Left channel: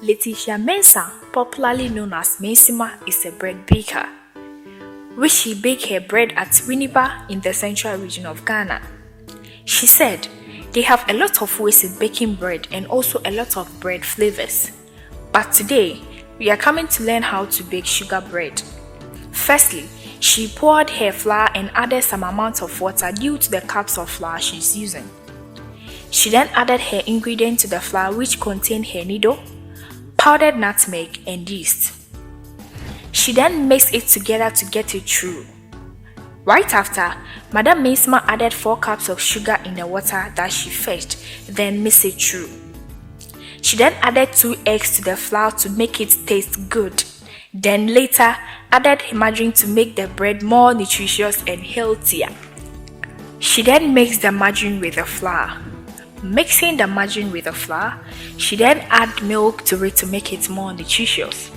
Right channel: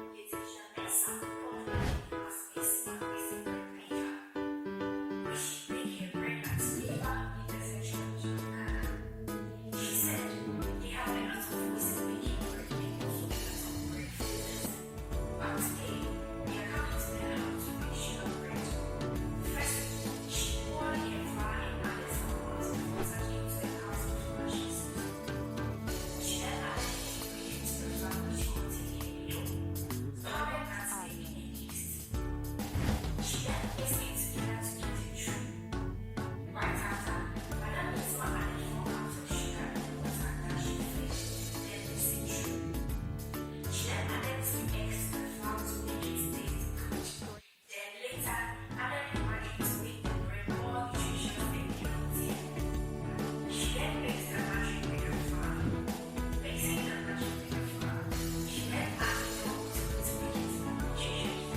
Letitia Mensah, popularly known as Mensima, is a bread baker, which she baked her bread at Winneba in the central region of Ghana. She said, they have a lot of ways in baking bread and also a lot of bread flavors. But today, we are coming to learn how to bake sugar bread. Firstly, she poured her flour and added some amount of water due to the cups of flour she's using. She then added her ingredient to the flour, which contained her needle, powdered nutmeg, and yeast. She then mixed it together to get it through. Right after, Madam Mensima added 4 cups of sugar in the water that she fetched, then mixed it through. She then added 2 eggs to the flour to make it taste good. Then later, added margarine to make the bread more nutritious and healthier. She then mixed the margarine with the flour. Mixing the margarine with the flour, she then added milk to it to make it more nutritious.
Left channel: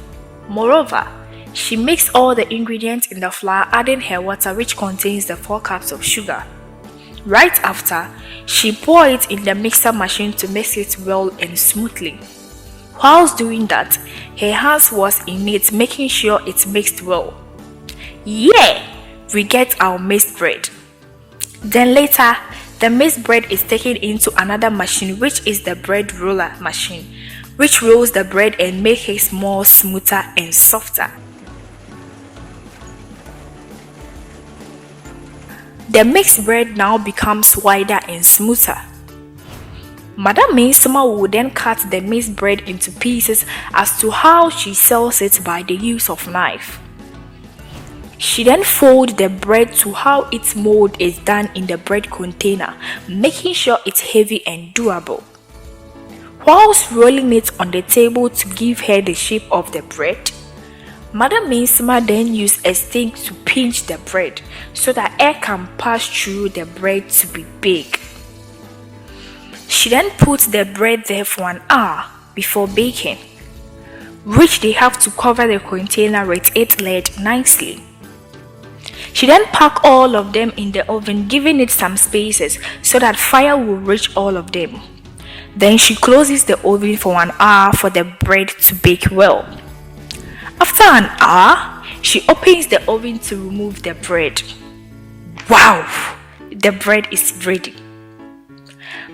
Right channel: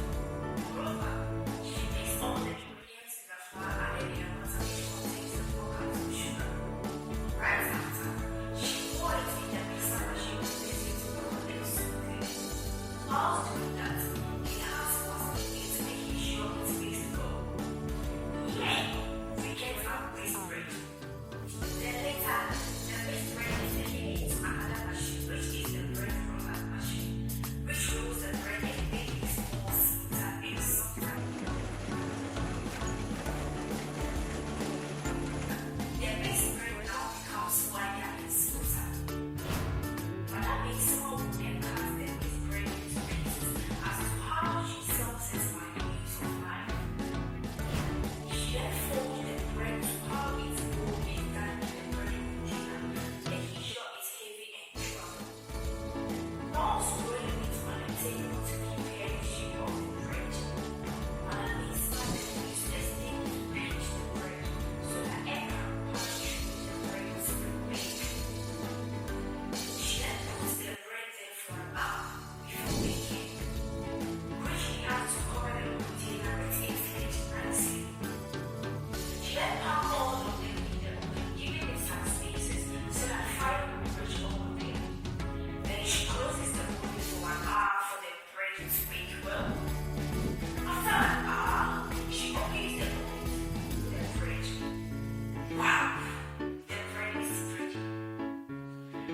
Moreover, she mixed all the ingredients in the flour, adding her water, which contains the 4 cups of sugar. Right after, she poured it in the mixer machine to mix it well and smoothly. Whilst doing that, her hands was in it, making sure it mixed well. Yeah, we get our mixed bread. Then later, the mixed bread is taken into another machine, which is the bread roller machine, which rolls the bread and makes it more smoother and softer. The mixed bread now becomes wider and smoother. Madam Mensima will then cut the mixed bread into pieces as to how she sells it by the use of knife. She then folds the bread to how its mold is done in the bread container, making sure it's heavy and doable. Whilst rolling it on the table to give her the shape of the bread, Madam Mensima then used a stick to pinch the bread so that air can pass through the bread to be baked. She then puts the bread there for an hour before baking, which they have to cover the container with its lid nicely. She then packed all of them in the oven, giving it some spaces so that fire will reach all of them. Then she closes the oven for an hour for the bread to bake well. After an hour, she opens the oven to remove the bread. Wow! The bread is ready.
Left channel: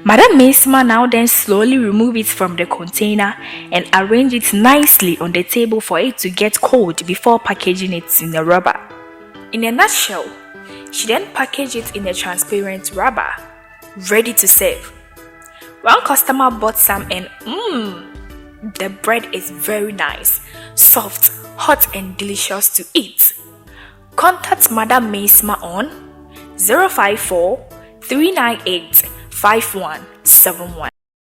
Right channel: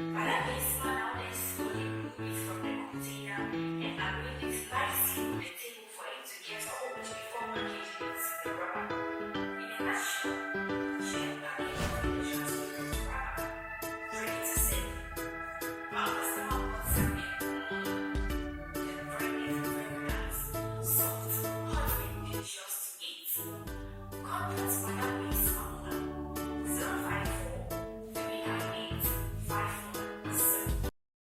Madam Mensima now then slowly removes it from the container and arrange it nicely on the table for it to get cold before packaging it in a rubber. In a nutshell, she then packaged it in a transparent rubber, ready to serve. One customer bought some and the bread is very nice, soft, hot and delicious to eat. Contact Madam Mensima on 054 398 5171.